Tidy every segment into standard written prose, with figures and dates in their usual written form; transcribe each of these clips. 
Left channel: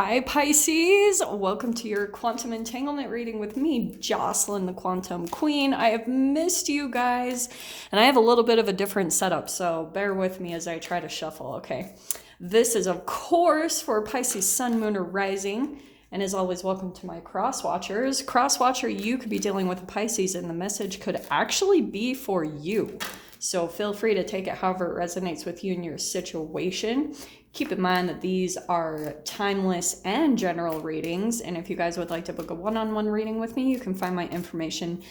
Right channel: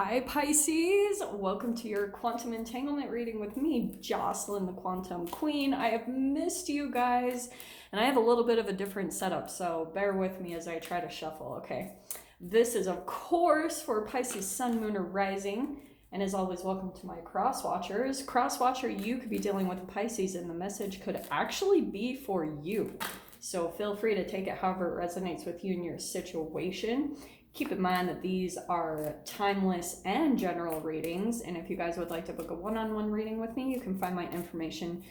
Hi Pisces, welcome to your quantum entanglement reading with me, Jocelyn, the Quantum Queen. I have missed you guys, and I have a little bit of a different setup, so bear with me as I try to shuffle, okay? This is, of course, for Pisces Sun, Moon, or Rising, and as always, welcome to my cross watchers. Cross watcher, you could be dealing with a Pisces, and the message could actually be for you. So feel free to take it however it resonates with you in your situation. Keep in mind that these are timeless and general readings, and if you guys would like to book a one-on-one reading with me, you can find my information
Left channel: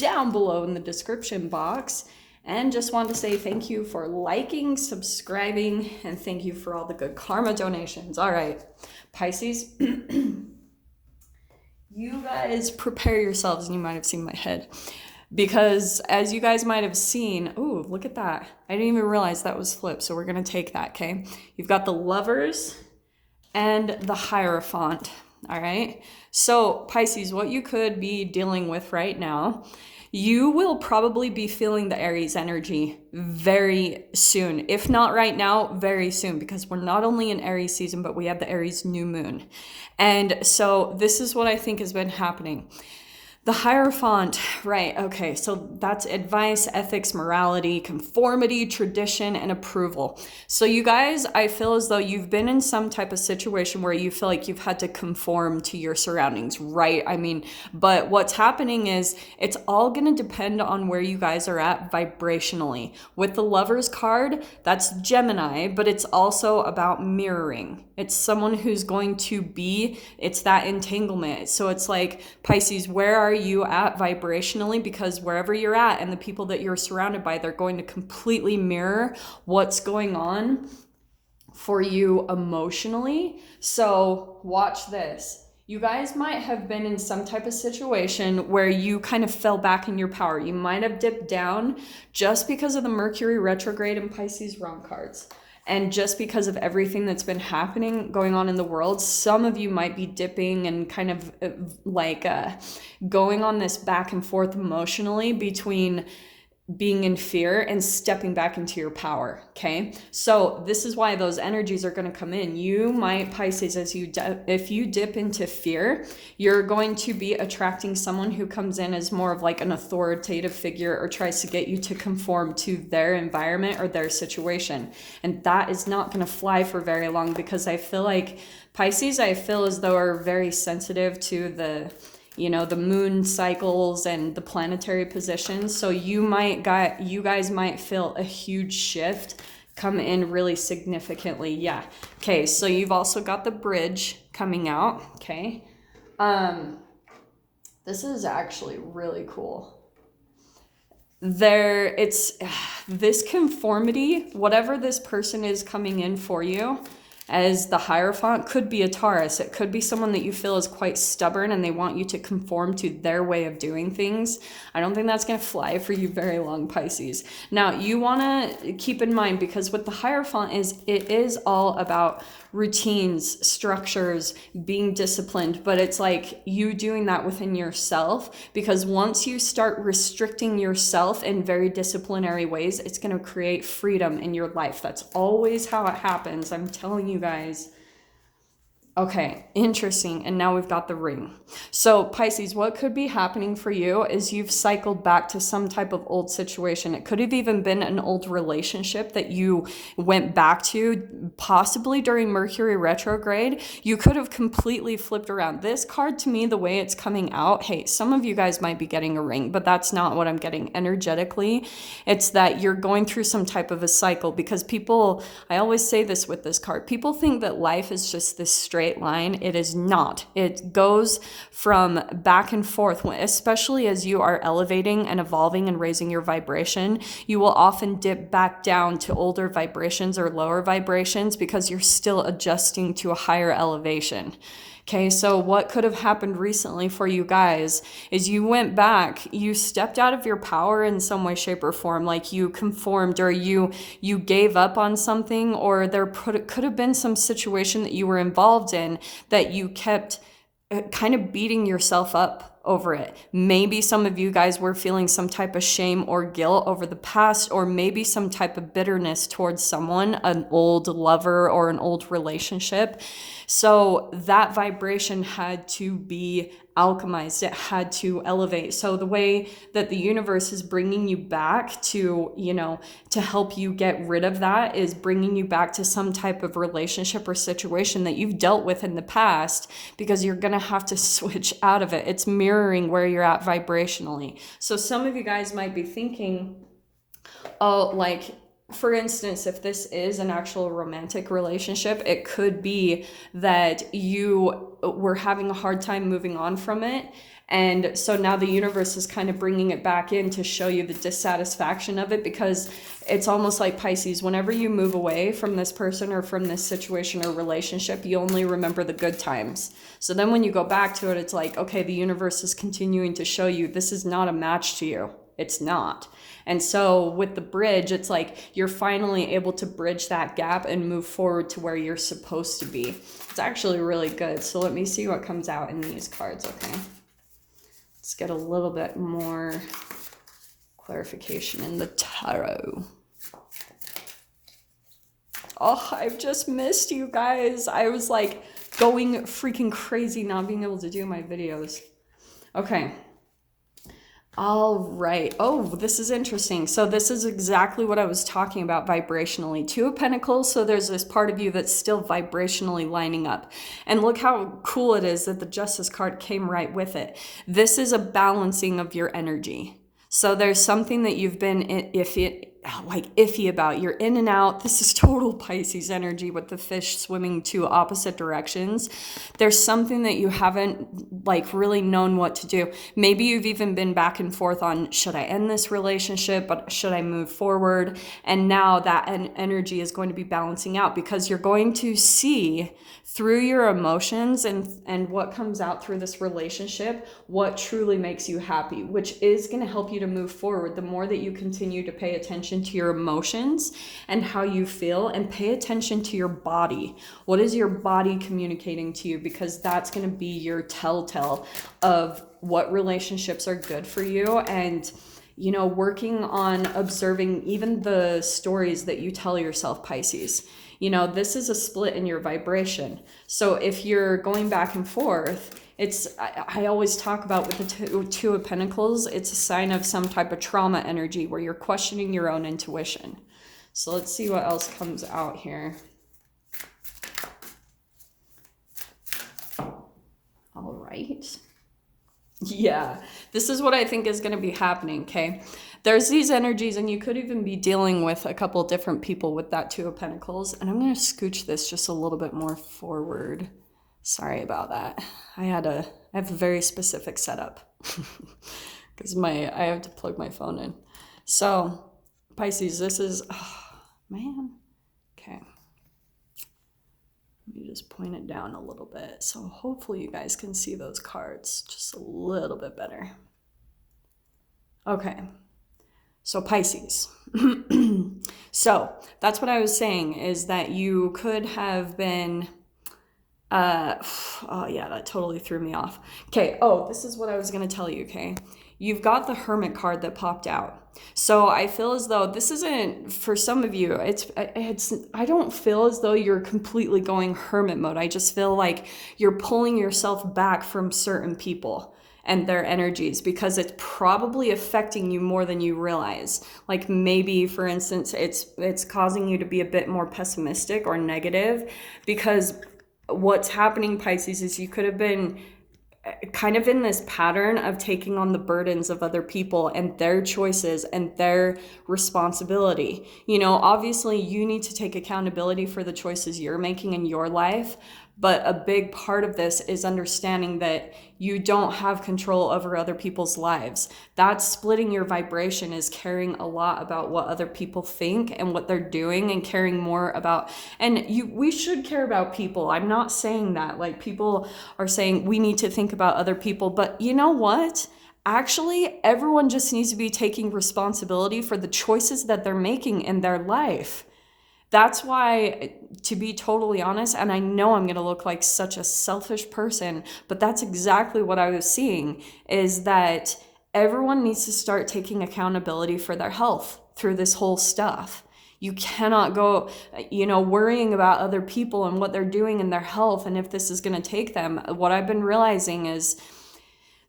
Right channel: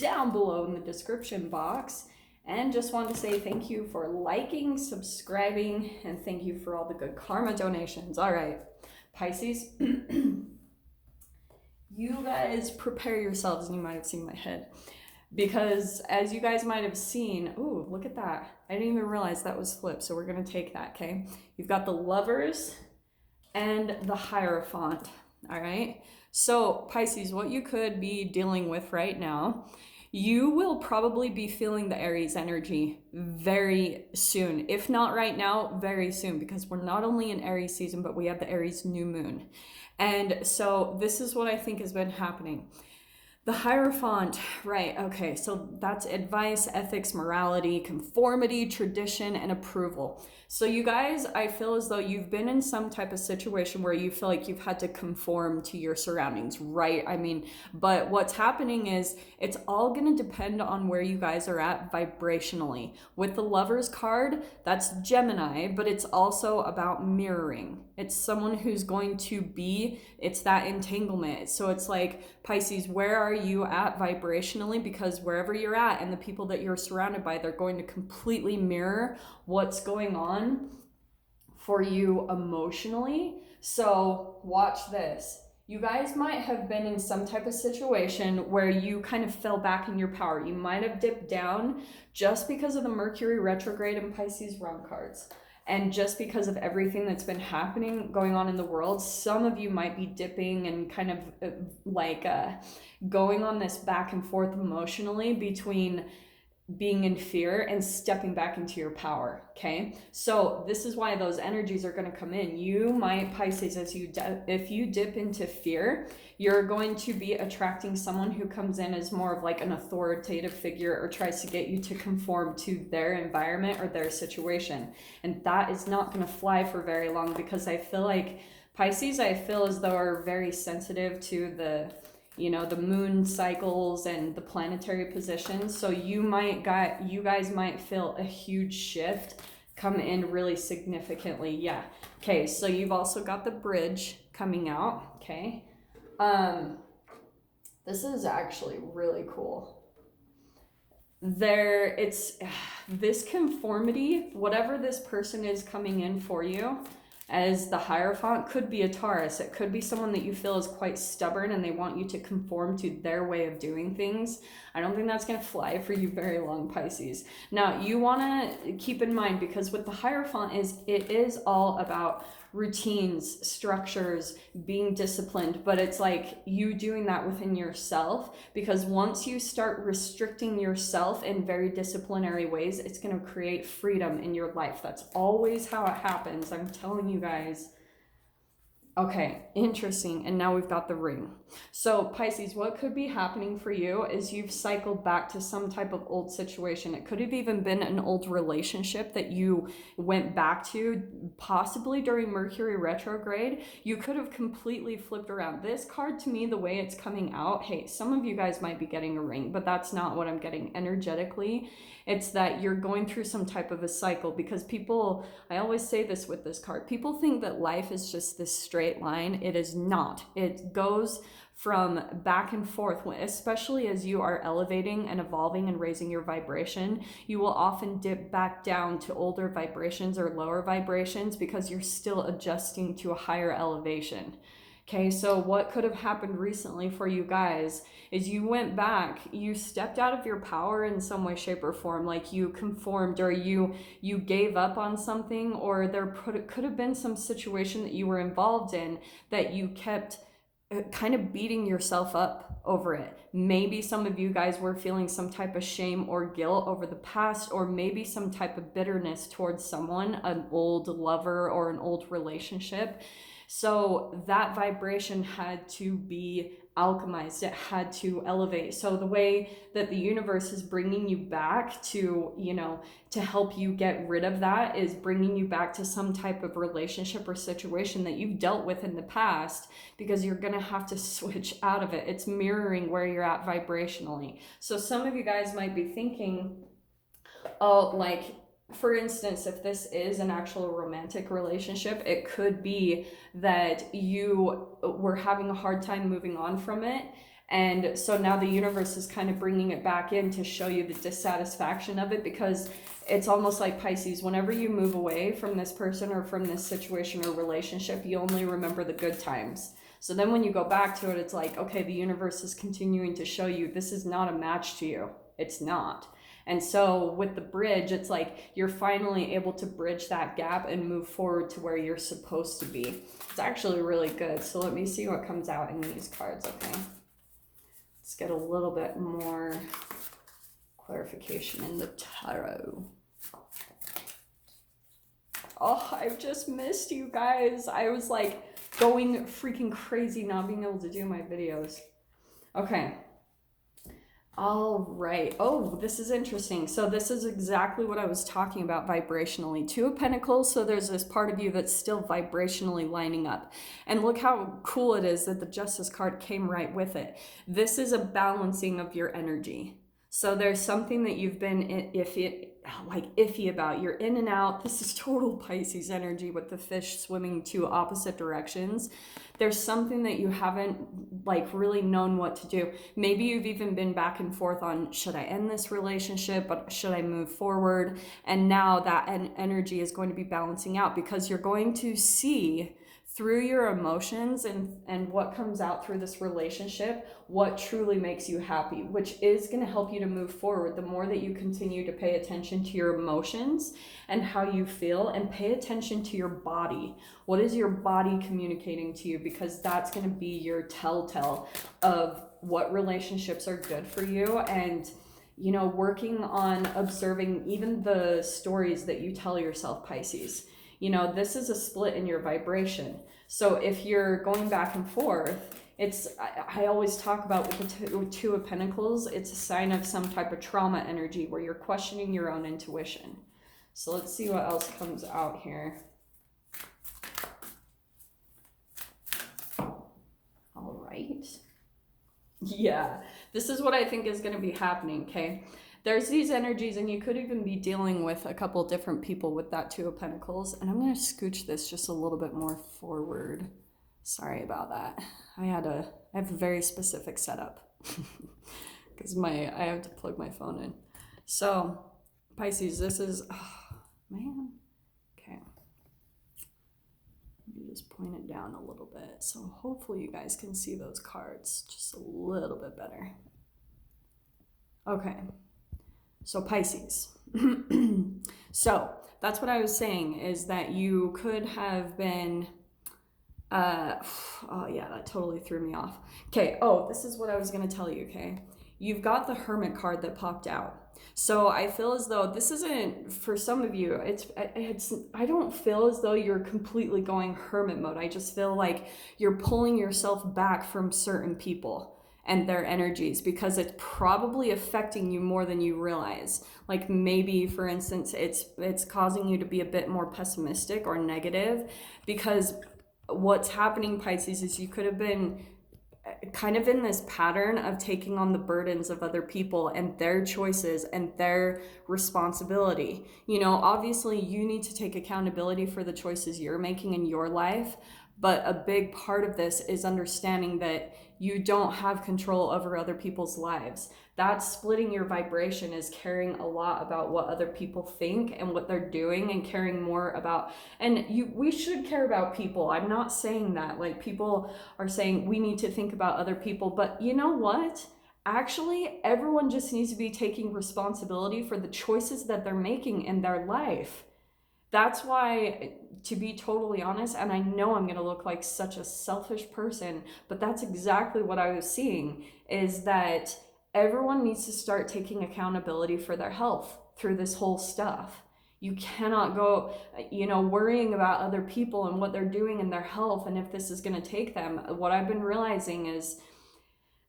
down below in the description box. And just wanted to say thank you for liking, subscribing, and thank you for all the good karma donations. All right, Pisces, you guys prepare yourselves, and you might have seen my head. Because as you guys might have seen, ooh, look at that. I didn't even realize that was flipped, so we're going to take that, okay? You've got the Lovers and the Hierophant, all right? So, Pisces, what you could be dealing with right now, you will probably be feeling the Aries energy very soon. If not right now, very soon, because we're not only in Aries season, but we have the Aries new moon. And so this is what I think has been happening. The Hierophant, right, okay, so that's advice, ethics, morality, conformity, tradition, and approval. So you guys, I feel as though you've been in some type of situation where you feel like you've had to conform to your surroundings, right? I mean, but what's happening is it's all gonna depend on where you guys are at vibrationally. With the Lovers card, that's Gemini, but it's also about mirroring. It's someone who's going to be, it's that entanglement. So it's like, Pisces, where are you at vibrationally? Because wherever you're at and the people that you're surrounded by, they're going to completely mirror what's going on for you emotionally. So watch this. You guys might have been in some type of situation where you kind of fell back in your power. You might have dipped down just because of the Mercury retrograde and Pisces realm cards. And just because of everything that's been happening, going on in the world, some of you might be dipping and kind of going on this back and forth emotionally between being in fear and stepping back into your power, okay? So this is why those energies are going to come in. You might, Pisces, if you dip into fear, you're going to be attracting someone who comes in as more of like an authoritative figure or tries to get you to conform to their environment or their situation. And that is not going to fly for very long, because I feel like Pisces, I feel as though are very sensitive to the moon cycles and the planetary positions. So you guys might feel a huge shift come in really significantly. Yeah. Okay. So you've also got the Bridge coming out. Okay. This is actually really cool. It's this conformity, whatever this person is coming in for you, as the Hierophant, could be a Taurus. It could be someone that you feel is quite stubborn and they want you to conform to their way of doing things. I don't think that's going to fly for you very long, Pisces. Now, you want to keep in mind, because what the Hierophant it is all about routines, structures, being disciplined, but it's like you doing that within yourself, because once you start restricting yourself in very disciplinary ways, it's going to create freedom in your life. That's always how it happens. I'm telling you guys. Okay, interesting. And now we've got the Ring. So Pisces, what could be happening for you is you've cycled back to some type of old situation. It could have even been an old relationship that you went back to, possibly during Mercury retrograde. You could have completely flipped around. This card, to me, the way it's coming out, hey, some of you guys might be getting a ring, but that's not what I'm getting energetically. It's that you're going through some type of a cycle, because people, I always say this with this card, people think that life is just this straight line. It is not. It goes from back and forth, especially as you are elevating and evolving and raising your vibration. You will often dip back down to older vibrations or lower vibrations because you're still adjusting to a higher elevation. Okay, so what could have happened recently for you guys is you went back, you stepped out of your power in some way, shape, or form, like you conformed, or you gave up on something, or could have been some situation that you were involved in that you kept kind of beating yourself up over it. Maybe some of you guys were feeling some type of shame or guilt over the past, or maybe some type of bitterness towards someone, an old lover or an old relationship. So that vibration had to be alchemized. It had to elevate. So the way that the universe is bringing you back to, to help you get rid of that is bringing you back to some type of relationship or situation that you've dealt with in the past, because you're going to have to switch out of it. It's mirroring where you're at vibrationally. So some of you guys might be thinking, oh, like, for instance, if this is an actual romantic relationship, it could be that you were having a hard time moving on from it. And so now the universe is kind of bringing it back in to show you the dissatisfaction of it, because it's almost like Pisces, whenever you move away from this person or from this situation or relationship, you only remember the good times. So then when you go back to it, it's like, okay, the universe is continuing to show you this is not a match to you. It's not. And so with the bridge, it's like you're finally able to bridge that gap and move forward to where you're supposed to be. It's actually really good. So let me see what comes out in these cards, okay? Let's get a little bit more clarification in the tarot. Oh, I've just missed you guys. I was like going freaking crazy not being able to do my videos. Okay. All right. Oh, this is interesting. So this is exactly what I was talking about vibrationally. Two of Pentacles. So there's this part of you that's still vibrationally lining up. And look how cool it is that the Justice card came right with it. This is a balancing of your energy. So there's something that you've been iffy about. You're in and out. This is total Pisces energy with the fish swimming two opposite directions. There's something that you haven't really known what to do. Maybe you've even been back and forth on, should I end this relationship, but should I move forward? And now that energy is going to be balancing out, because you're going to see through your emotions and what comes out through this relationship, what truly makes you happy, which is going to help you to move forward. The more that you continue to pay attention to your emotions and how you feel, and pay attention to your body. What is your body communicating to you? Because that's going to be your telltale of what relationships are good for you. And working on observing even the stories that you tell yourself, Pisces. This is a split in your vibration. So if you're going back and forth, I always talk about with the Two of Pentacles, it's a sign of some type of trauma energy where you're questioning your own intuition. So let's see what else comes out here. All right. Yeah, this is what I think is going to be happening, okay? There's these energies, and you could even be dealing with a couple different people with that Two of Pentacles. And I'm going to scooch this just a little bit more forward. Sorry about that. I have a very specific setup because I have to plug my phone in. So Pisces, this is, oh man. Okay. Let me just point it down a little bit. So hopefully you guys can see those cards just a little bit better. Okay. So Pisces. So that's what I was saying, is that you could have been, oh yeah, that totally threw me off. Okay. Oh, this is what I was going to tell you. Okay. You've got the Hermit card that popped out. So I feel as though this isn't, for some of you, I don't feel as though you're completely going hermit mode. I just feel like you're pulling yourself back from certain people and their energies, because it's probably affecting you more than you realize. Like maybe, for instance, it's causing you to be a bit more pessimistic or negative, because what's happening, Pisces, is you could have been kind of in this pattern of taking on the burdens of other people and their choices and their responsibility. Obviously you need to take accountability for the choices you're making in your life, but a big part of this is understanding that you don't have control over other people's lives. That splitting your vibration is caring a lot about what other people think and what they're doing, and caring more about, we should care about people. I'm not saying that, like, people are saying we need to think about other people, but you know what? Actually, everyone just needs to be taking responsibility for the choices that they're making in their life. That's why, to be totally honest, and I know I'm going to look like such a selfish person, but that's exactly what I was seeing, is that everyone needs to start taking accountability for their health through this whole stuff. You cannot go, worrying about other people and what they're doing in their health and if this is going to take them. What I've been realizing is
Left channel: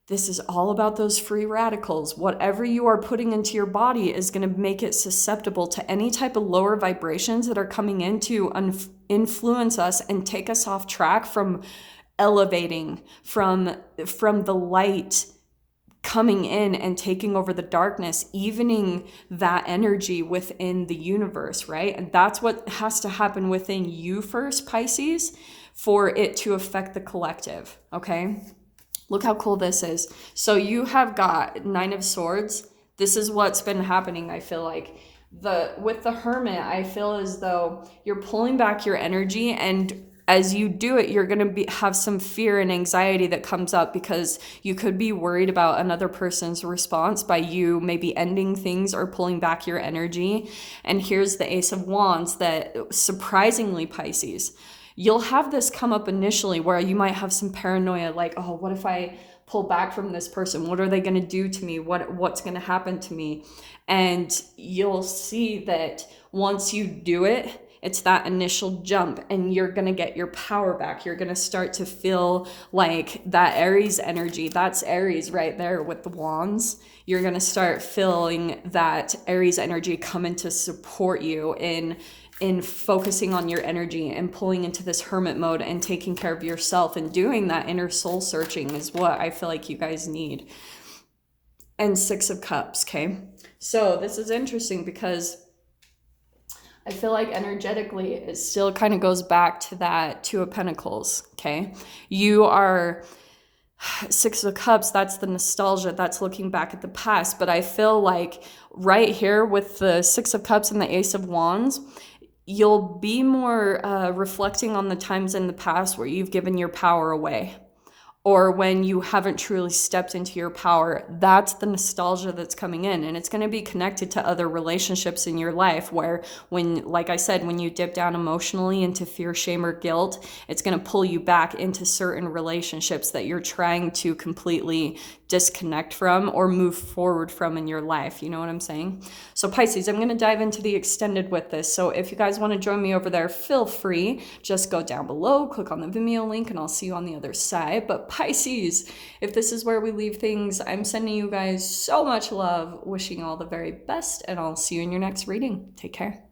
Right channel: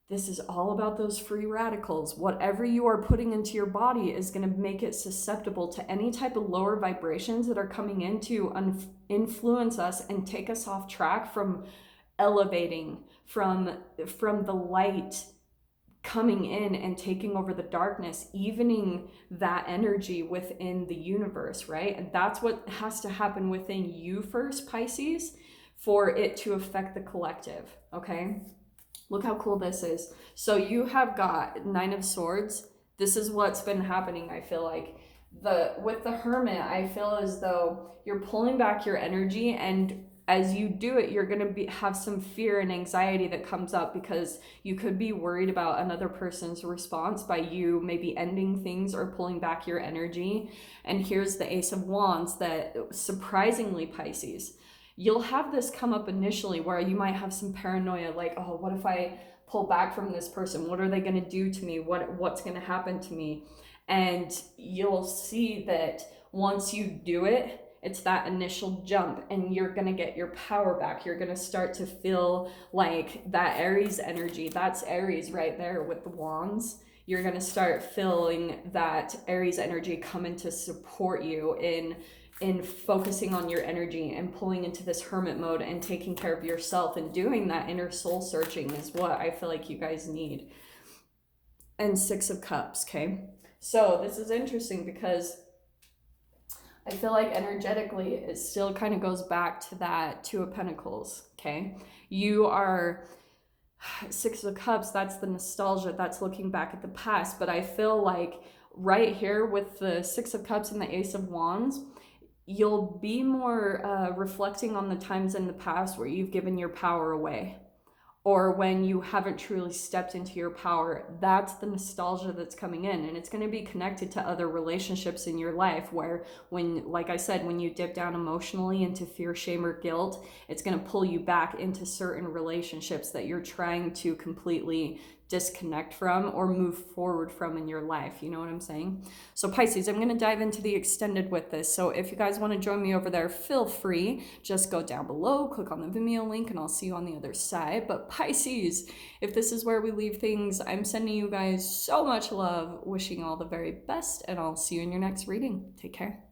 this is all about those free radicals. Whatever you are putting into your body is going to make it susceptible to any type of lower vibrations that are coming in to influence us and take us off track from elevating, from the light coming in and taking over the darkness, evening that energy within the universe, right? And that's what has to happen within you first, Pisces, for it to affect the collective, okay? Look how cool this is. So you have got 9 of Swords. This is what's been happening, I feel like. With the Hermit, I feel as though you're pulling back your energy, and as you do it, you're going to have some fear and anxiety that comes up because you could be worried about another person's response by you maybe ending things or pulling back your energy. And here's the Ace of Wands that, surprisingly, Pisces, you'll have this come up initially where you might have some paranoia, like, oh, what if I pull back from this person? What are they going to do to me? What's going to happen to me? And you'll see that once you do it, it's that initial jump and you're going to get your power back. You're going to start to feel like that Aries energy. That's Aries right there with the wands. You're going to start feeling that Aries energy come in to support you in focusing on your energy and pulling into this hermit mode and taking care of yourself and doing that inner soul searching is what I feel like you guys need. And 6 of Cups, okay? So this is interesting because I feel like energetically it still kind of goes back to that 2 of Pentacles, okay? You are 6 of Cups, that's the nostalgia, that's looking back at the past. But I feel like right here with the 6 of Cups and the Ace of Wands, you'll be more reflecting on the times in the past where you've given your power away, or when you haven't truly stepped into your power. That's the nostalgia that's coming in, and it's going to be connected to other relationships in your life where, when, like I said, when you dip down emotionally into fear, shame, or guilt, it's going to pull you back into certain relationships that you're trying to completely disconnect from or move forward from in your life. You know what I'm saying? So Pisces, I'm going to dive into the extended with this. So if you guys want to join me over there, feel free. Just go down below, click on the Vimeo link, and I'll see you on the other side. But Pisces, if this is where we leave things, I'm sending you guys so much love, wishing all the very best, and I'll see you in your next reading. Take care.